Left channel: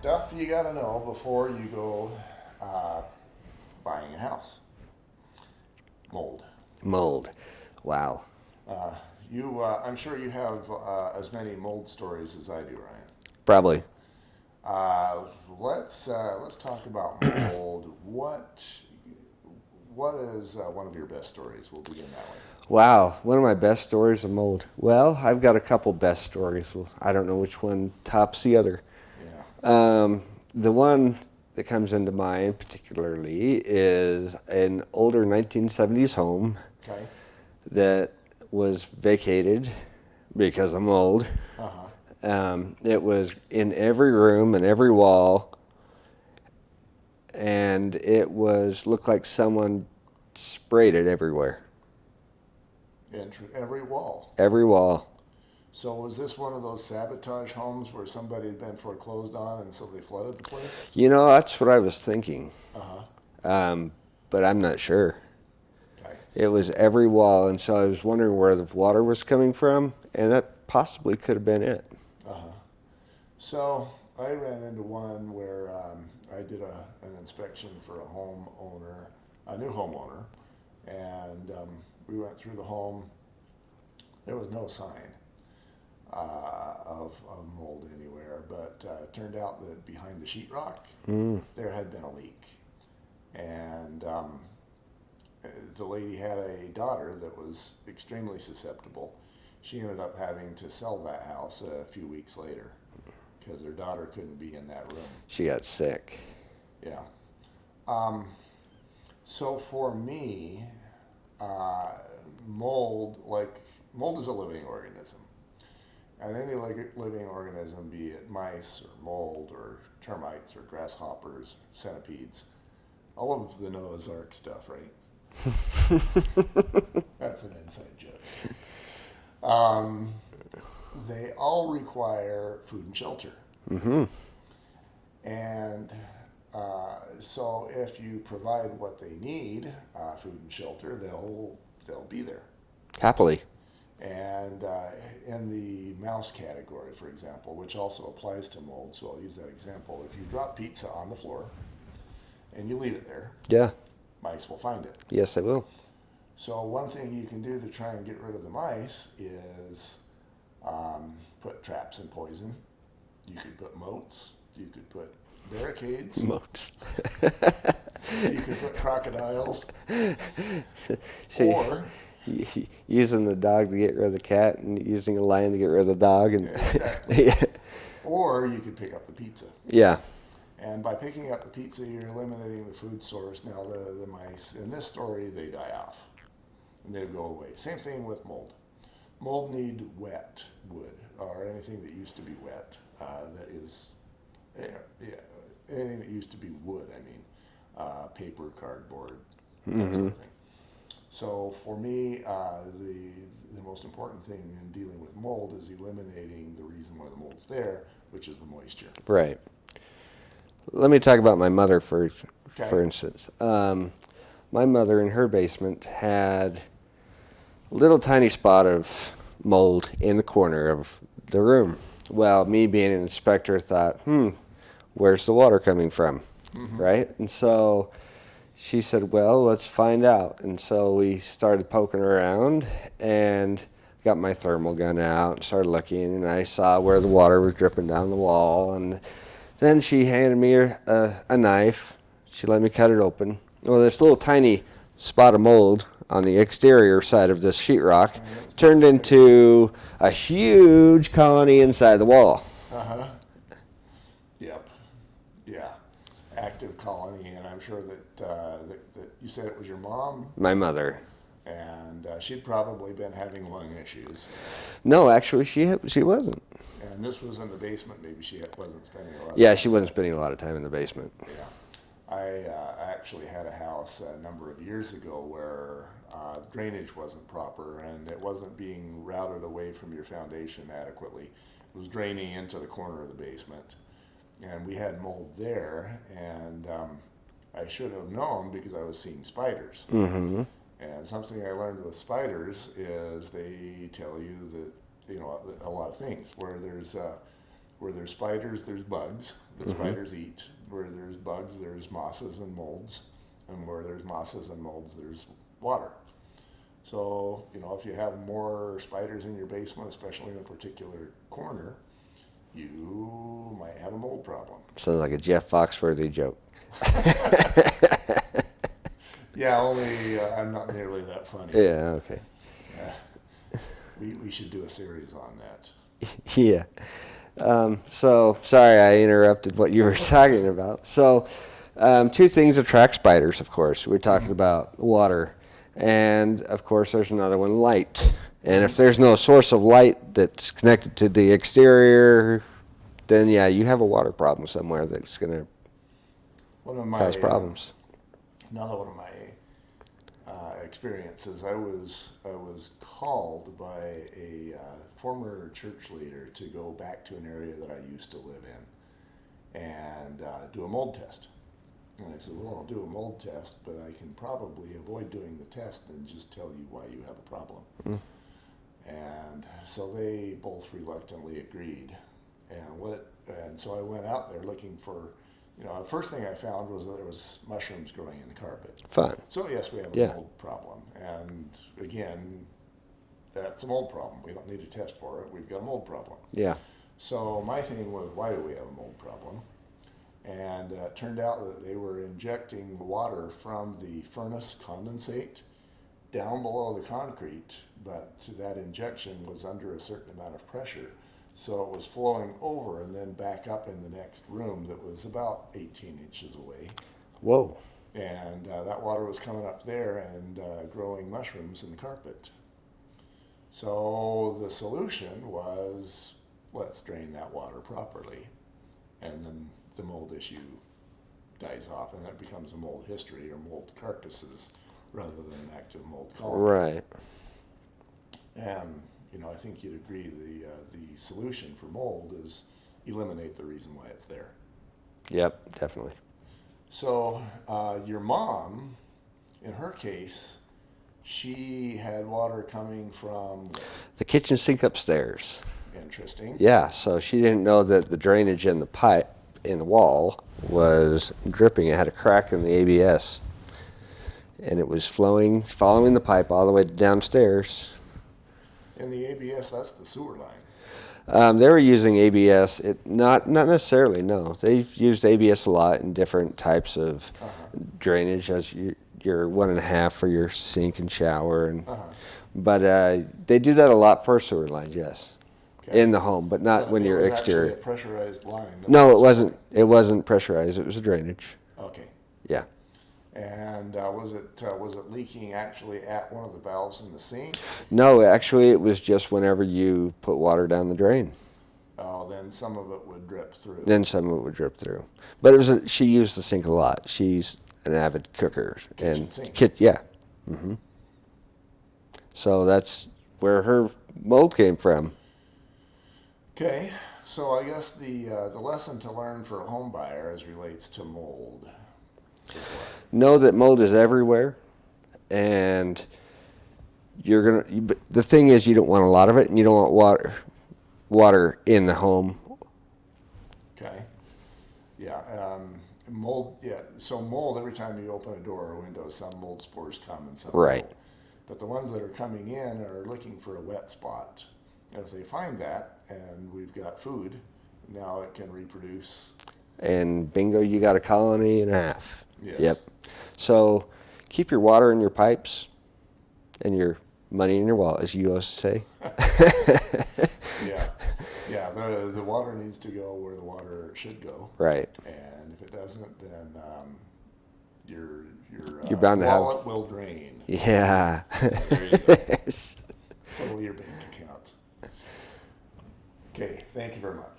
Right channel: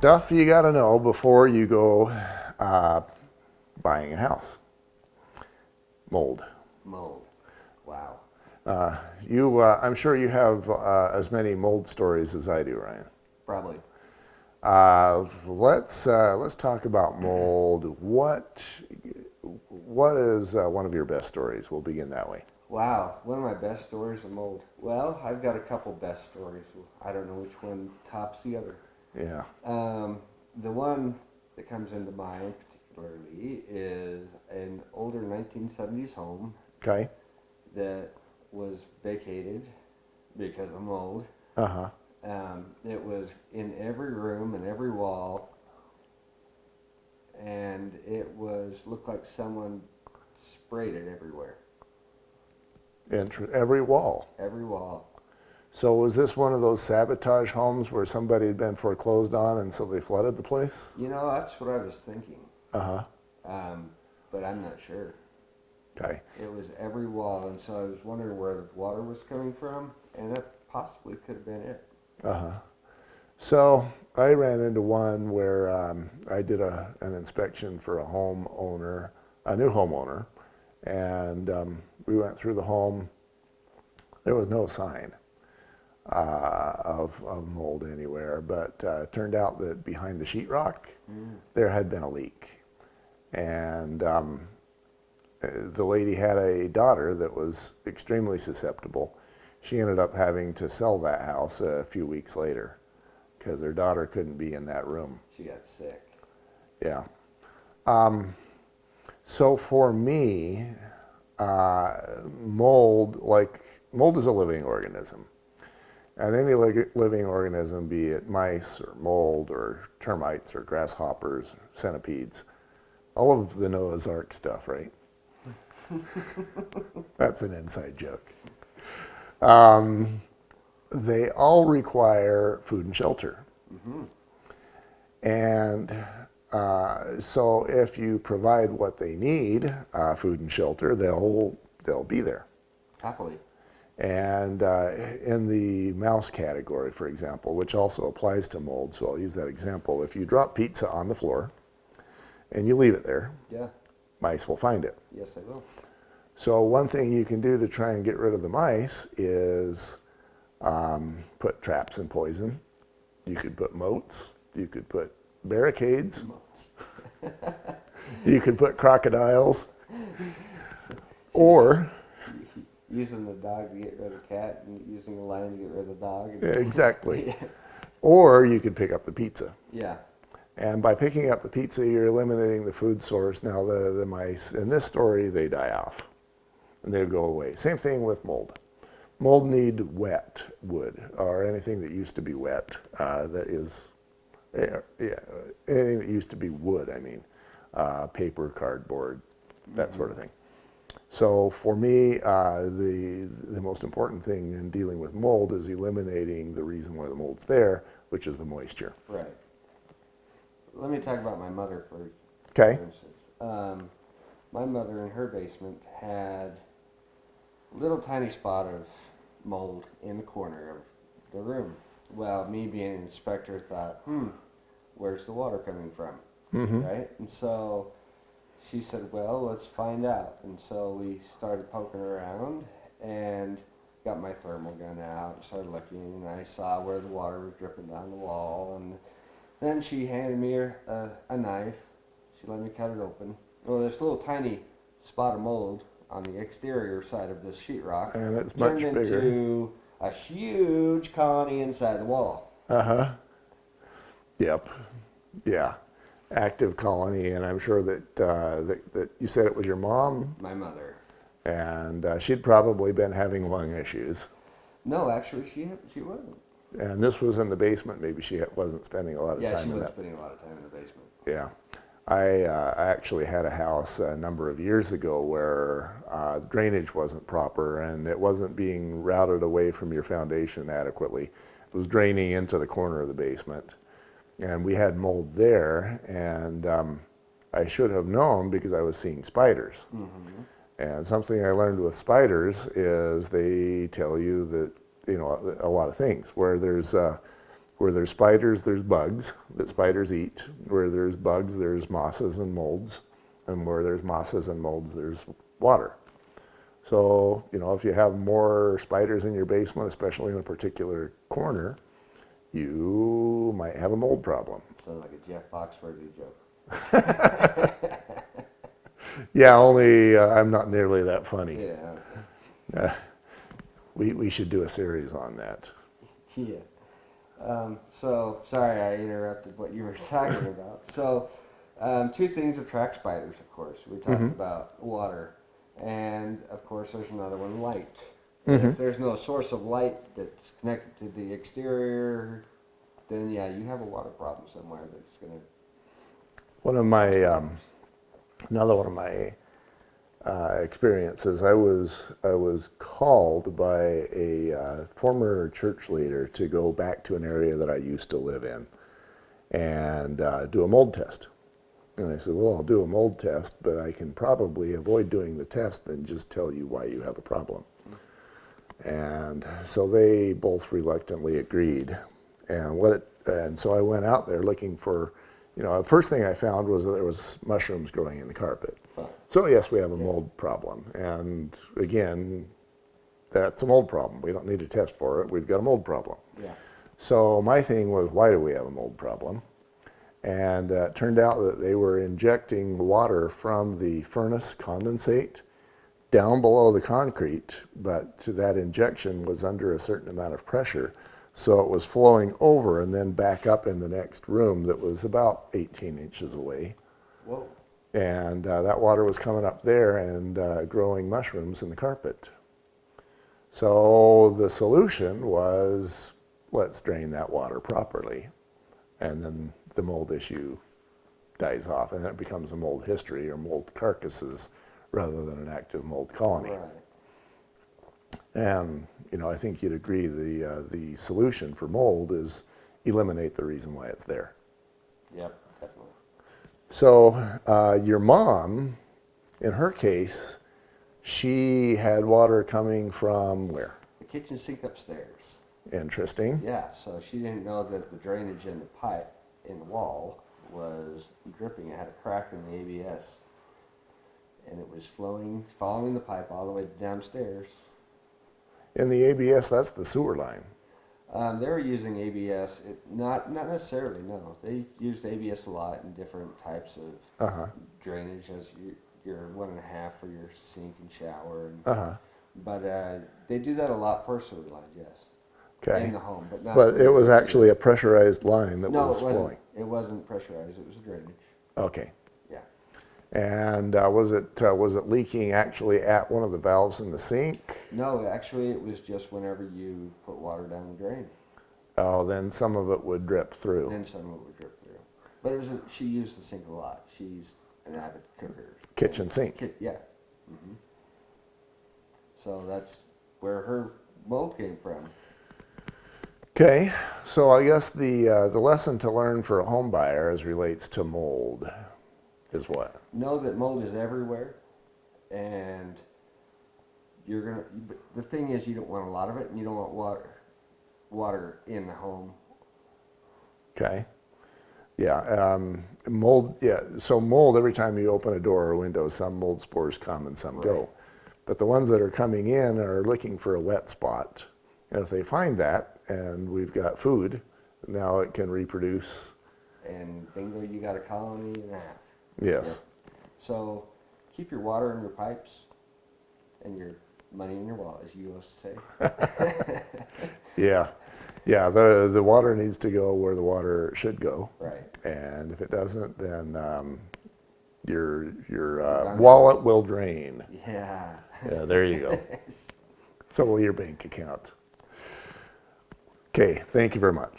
Stuff you got to know before you go uh, buying a house. Mold. Mold. Wow. I'm sure you have as many mold stories as I do, Ryan. Probably. Let's talk about mold. What is one of your best stories? We'll begin that way. Wow. One of my best stories of mold. Well, I've got a couple best stories. Well, I don't know which one tops the other. Yeah. The one that comes into mind particularly is an older 1970s home Okay. that was vacated because of mold. Uh-huh. It was in every room and every wall, and looked like someone sprayed it everywhere. Every wall. Every wall. So was this one of those sabotage homes where somebody had been foreclosed on and so they flooded the place? You know, that's what I was thinking. Uh-huh. But I'm not sure. Okay. It was every wall, and so I was wondering where the water was coming from, and that possibly could have been it. Uh-huh. So I ran into one where I did an inspection for a new homeowner, and we went through the home. There was no sign of mold anywhere, but it turned out that behind the sheetrock, there had been a leak. And the lady had a daughter that was extremely susceptible. She ended up having to sell that house a few weeks later because her daughter couldn't be in that room. She got sick. Yeah. So for me, mold is a living organism. And any living organism, be it mice or mold or termites or grasshoppers, centipedes, all of the Noah's Ark stuff, right? That's an inside joke. They all require food and shelter. Mm-hmm. And so if you provide what they need, food and shelter, they'll be there. Happily. And in the mouse category, for example, which also applies to mold, so I'll use that example. If you drop pizza on the floor and you leave it there, Yeah. mice will find it. Yes, I will. So one thing you can do to try and get rid of the mice is put traps and poison. You could put moats. You could put barricades. Moats. You could put crocodiles. Or using the dog to get rid of the cat and using a lion to get rid of the dog. And exactly. Yeah. Or you could pick up the pizza. Yeah. And by picking up the pizza, you're eliminating the food source. Now the mice, in this story, they die off. And they go away. Same thing with mold. Mold need wet wood, or anything that used to be wet, anything that used to be wood, paper, cardboard, that sort of thing. So for me, the most important thing in dealing with mold is eliminating the reason why the mold's there, which is the moisture. Right. Let me talk about my mother for instance. My mother in her basement had a little tiny spot of mold in the corner of the room. Well, me being an inspector thought, where's the water coming from? Mm-hmm. Right? And so she said, well, let's find out. And so we started poking around and got my thermal gun out and started looking, and I saw where the water was dripping down the wall. And then she handed me a knife. She let me cut it open. Well, this little tiny spot of mold on the exterior side of this sheetrock turned into a huge colony inside the wall. Uh-huh. Yep. Yeah. Active colony, and I'm sure that you said it was your mom? My mother. And she'd probably been having lung issues. No, actually, she wasn't. And this was in the basement. Maybe she wasn't spending a lot of time. Yeah, she wasn't spending a lot of time in the basement. Yeah. I actually had a house a number of years ago where the drainage wasn't proper and it wasn't being routed away from your foundation adequately. It was draining into the corner of the basement. And we had mold there, and I should have known because I was seeing spiders. Mm-hmm. And something I learned with spiders is they tell you that, a lot of things. Where there's Where there's spiders, there's bugs that spiders eat. Where there's bugs, there's mosses and molds. And where there's mosses and molds, there's water. So, if you have more spiders in your basement, especially in a particular corner, you might have a mold problem. Sounds like a Jeff Foxworthy joke. Yeah, only I'm not nearly that funny. Yeah, okay. We should do a series on that. Yeah. So, sorry I interrupted what you were talking about. So, two things attract spiders, of course. We talked about water, and of course there's another one, light. And if there's no source of light that's connected to the exterior, then yeah, you have a water problem somewhere that's going to cause problems. Another one of my experiences, I was called by a former church leader to go back to an area that I used to live in and do a mold test. And I said, well, I'll do a mold test, but I can probably avoid doing the test and just tell you why you have a problem. And so they both reluctantly agreed. And so I went out there looking for, the first thing I found was that there was mushrooms growing in the carpet. Fun. So yes, we have a Yeah. mold problem. And again, that's a mold problem. We don't need to test for it. We've got a mold problem. Yeah. So my thing was, why do we have a mold problem? And it turned out that they were injecting water from the furnace condensate down below the concrete, but that injection was under a certain amount of pressure. So it was flowing over and then back up in the next room that was about 18 inches away. Whoa. And that water was coming up there and growing mushrooms in the carpet. So the solution was, let's drain that water properly. And then the mold issue dies off, and then it becomes a mold history or mold carcasses rather than an active mold colony. Right. And I think you'd agree the solution for mold is eliminate the reason why it's there. Yep, definitely. So your mom, in her case, she had water coming from where? The kitchen sink upstairs. Interesting. Yeah, so she didn't know that the drainage in the pipe in the wall was dripping. It had a crack in the ABS. And it was flowing, following the pipe all the way downstairs. In the ABS, that's the sewer line. They were using ABS. Not necessarily, no. They've used ABS a lot in different types of drainage, as your 1.5 for your sink and shower. But they do that a lot for sewer lines, yes. Okay. In the home, but not But when it you're was actually exterior. a pressurized line. That No, was it wasn't. flowing. It wasn't pressurized. It was a drainage. Okay. Yeah. And was it leaking actually at one of the valves in the sink? No, actually, it was just whenever you put water down the drain. Oh, then some of it would drip through. Then some of it would drip through. But it was she used the sink a lot. She's an avid cooker. Kitchen and sink. Yeah. So that's where her mold came from. Okay, so I guess the lesson to learn for a home buyer as relates to mold is what? Know that mold is everywhere, and the thing is, you don't want a lot of it, and you don't want water in the home. Okay. Yeah. Mold. Yeah. So mold. Every time you open a door or window, some mold spores come and some Right. don't. But the ones that are coming in are looking for a wet spot, and if they find that, and we've got food, now it can reproduce. And bingo, you got a colony and a half. Yes. Yep. So keep your water in your pipes and your money in your wallet, as you used to say. Yeah. Yeah. The water needs to go where the water should go. Right. And if it doesn't, then your bound to wallet will drain. Yeah. Yeah, there you go. So will your bank account. Okay, thank you very much.